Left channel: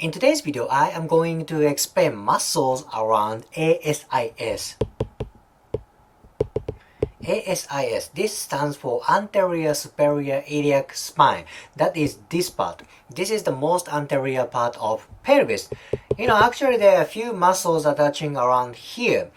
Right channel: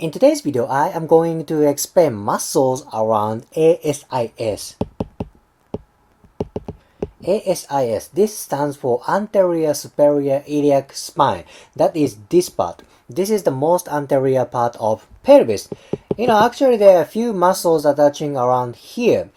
In today's video, I am going to explain muscles around ASIS. ASIS, this stands for anterior superior iliac spine. That is this part. This is the most anterior part of pelvis. Actually there are a few muscles attaching around here.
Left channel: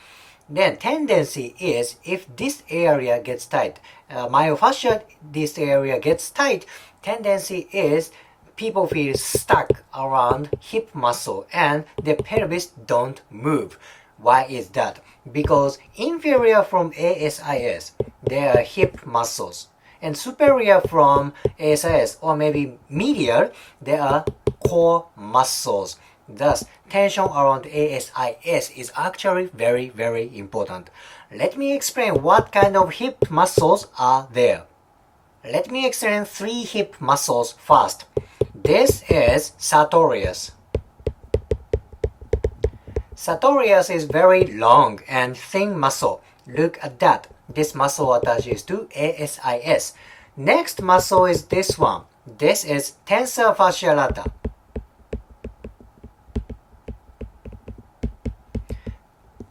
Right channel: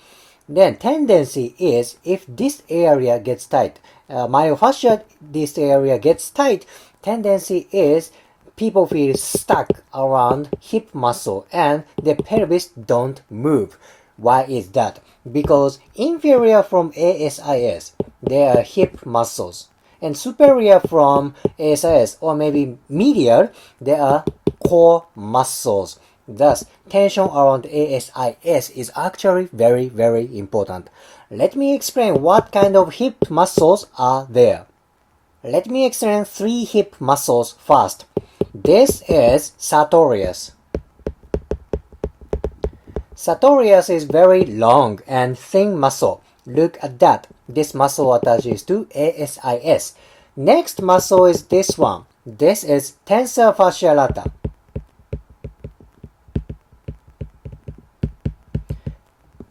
Then tendency is if this area gets tight, myofascia, this area gets tight, tendency is people feel stuck around hip muscle and the pelvis don't move. Why is that? Because inferior from ASIS, there are hip muscles. And superior from ASIS, or maybe medial, there are core muscles. Thus, tension around ASIS is actually very, very important. Let me explain what kind of hip muscles are there. Let me explain 3 hip muscles first. This is sartorius. Sartorius is very long and thin muscle. Look at that. This muscle attaches to ASIS. Next muscle is this one. This is tensor fascia lata.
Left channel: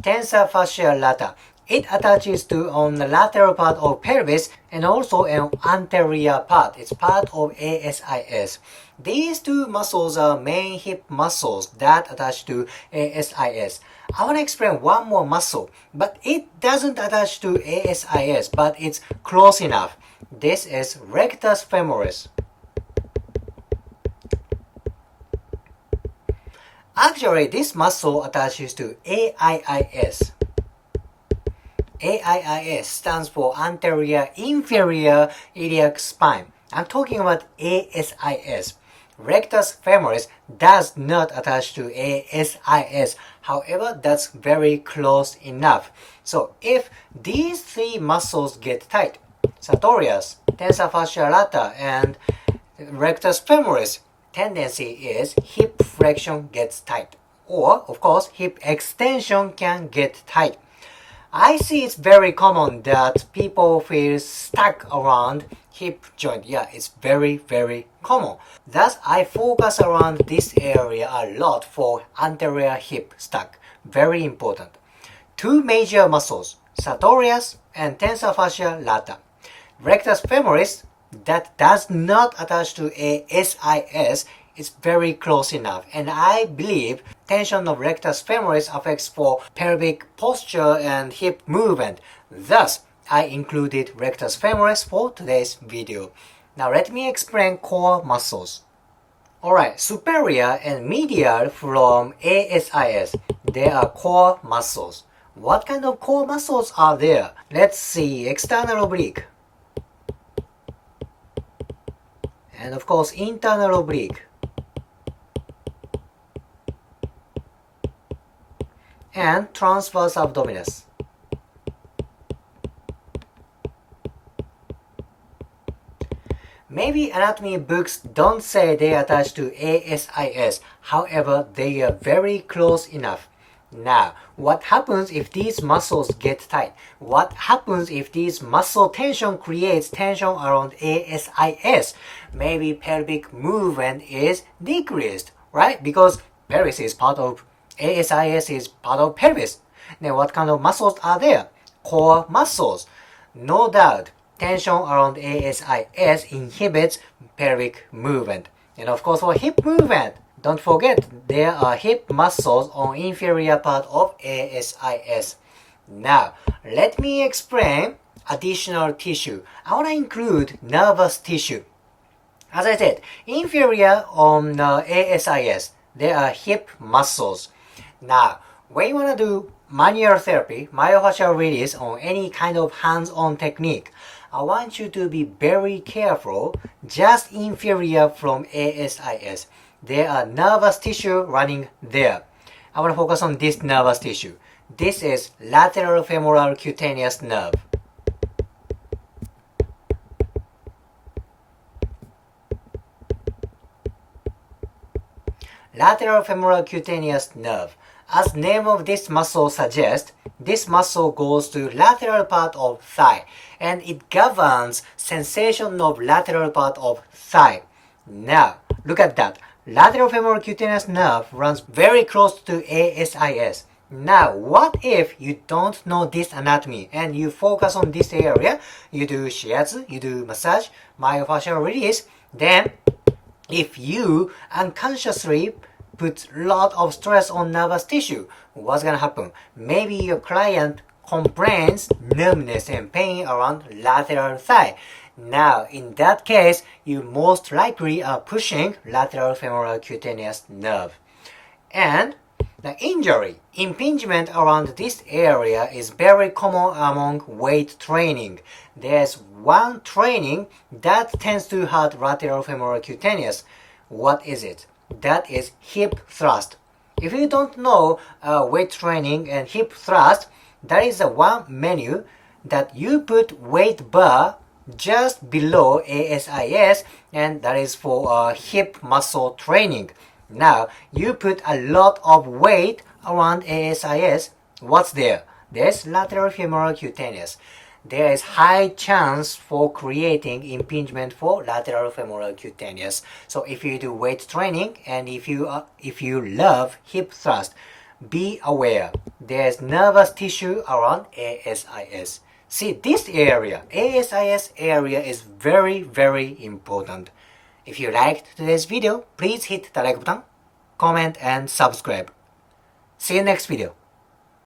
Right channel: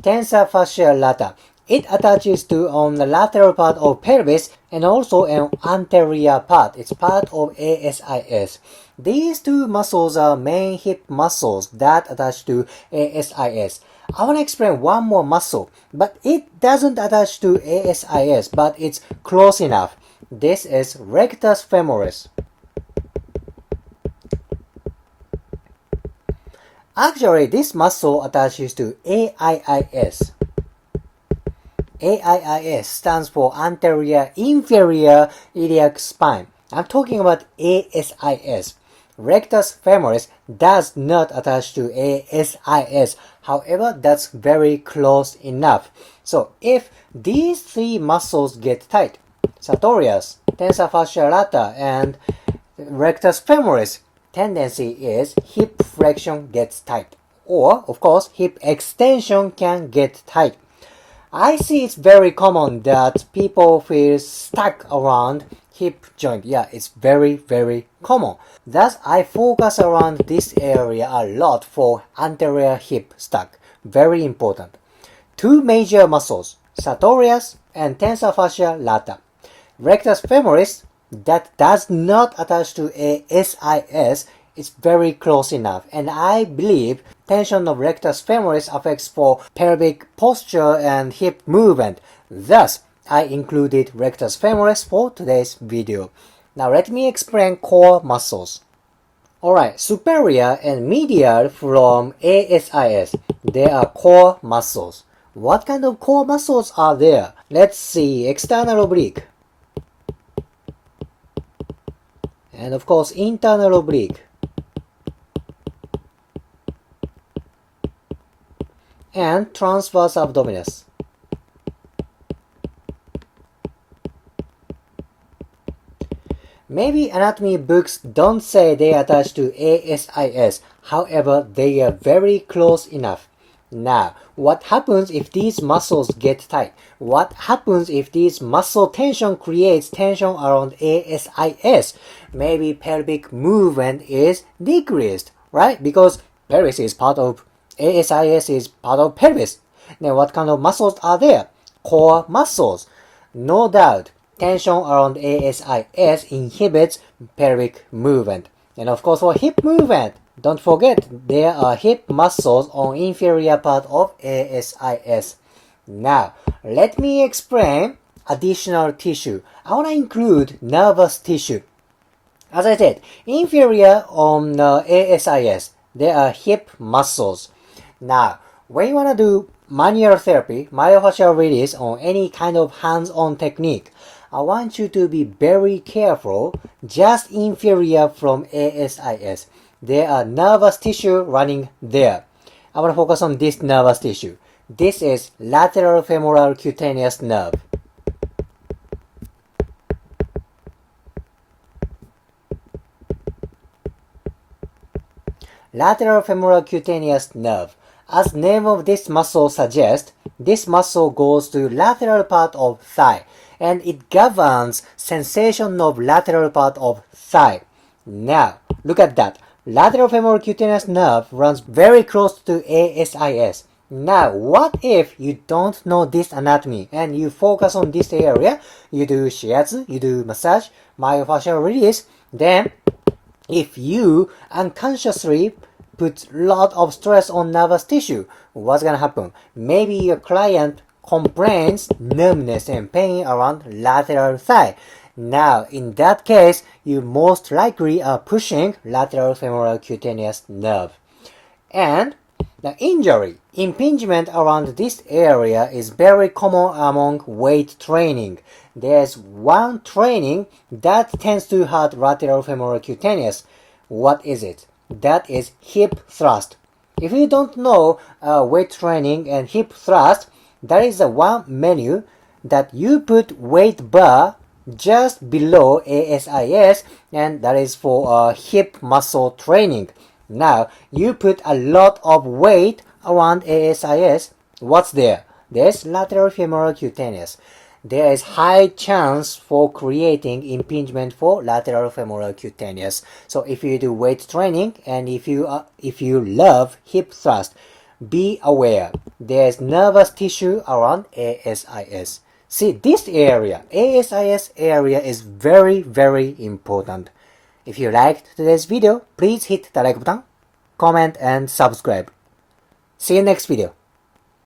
Tensor fascia lata. It attaches to on the lateral part of pelvis and also an anterior part. It's part of ASIS. These 2 muscles are main hip muscles that attach to ASIS. I want to explain one more muscle, but it doesn't attach to ASIS, but it's close enough. This is rectus femoris. Actually, this muscle attaches to AIIS. AIIS stands for anterior inferior iliac spine. I'm talking about ASIS. Rectus femoris does not attach to ASIS. However, that's very close enough. So if these 3 muscles get tight, sartorius, tensor fascia lata, and rectus femoris, tendency is hip flexion gets tight. Or, of course, hip extension can get tight. I see it's very common that people feel stuck around hip joint. Yeah, it's very, very common. Thus, I focus around this area a lot for anterior hip stuck. Very important. 2 major muscles, sartorius and tensor fascia lata. Rectus femoris, that does not attach to ASIS, is very close enough, and I believe tension of rectus femoris affects for pelvic posture and hip movement. Thus, I included rectus femoris for today's video. Now let me explain core muscles. Alright, superior and medial from ASIS, they are core muscles. What kind of core muscles are there? Let's see, external oblique. And of course, internal oblique. And transverse abdominis. Maybe anatomy books don't say they attach to ASIS, however, they are very close enough. Now, what happens if these muscles get tight? What happens if this muscle tension creates tension around ASIS? Maybe pelvic movement is decreased, right? Because pelvis is part of ASIS is part of pelvis. Then what kind of muscles are there? Core muscles. No doubt, tension around ASIS inhibits pelvic movement. And of course for hip movement, don't forget there are hip muscles on inferior part of ASIS. Now, let me explain additional tissue. I want to include nervous tissue. As I said, inferior on ASIS, there are hip muscles. Now, when you want to do manual therapy, myofascial release on any kind of hands-on technique, I want you to be very careful just inferior from ASIS. There are nervous tissue running there. I want to focus on this nervous tissue. This is lateral femoral cutaneous nerve. Lateral femoral cutaneous nerve. As name of this muscle suggests, this muscle goes to lateral part of thigh and it governs sensation of lateral part of thigh. Now, look at that. lateral femoral cutaneous nerve runs very close to ASIS. Now, what if you don't know this anatomy and you focus on this area, you do shiatsu, you do massage, myofascial release, then if you unconsciously put a lot of stress on nervous tissue, what's gonna happen? Maybe your client complains numbness and pain around lateral thigh. Now, in that case, you most likely are pushing lateral femoral cutaneous nerve. And the injury, impingement around this area is very common among weight training. There's one training that tends to hurt lateral femoral cutaneous. What is it? That is hip thrust. If you don't know weight training and hip thrust, that is the one menu that you put weight bar just below ASIS, and that is for hip muscle training. Now, you put a lot of weight around ASIS. What's there? There's lateral femoral cutaneous. There is high chance for creating impingement for lateral femoral cutaneous. So if you do weight training and if you love hip thrust, be aware. There's nervous tissue around ASIS. See, this area, ASIS area, is very, very important. If you liked today's video, please hit the like button, comment, and subscribe. See you next video.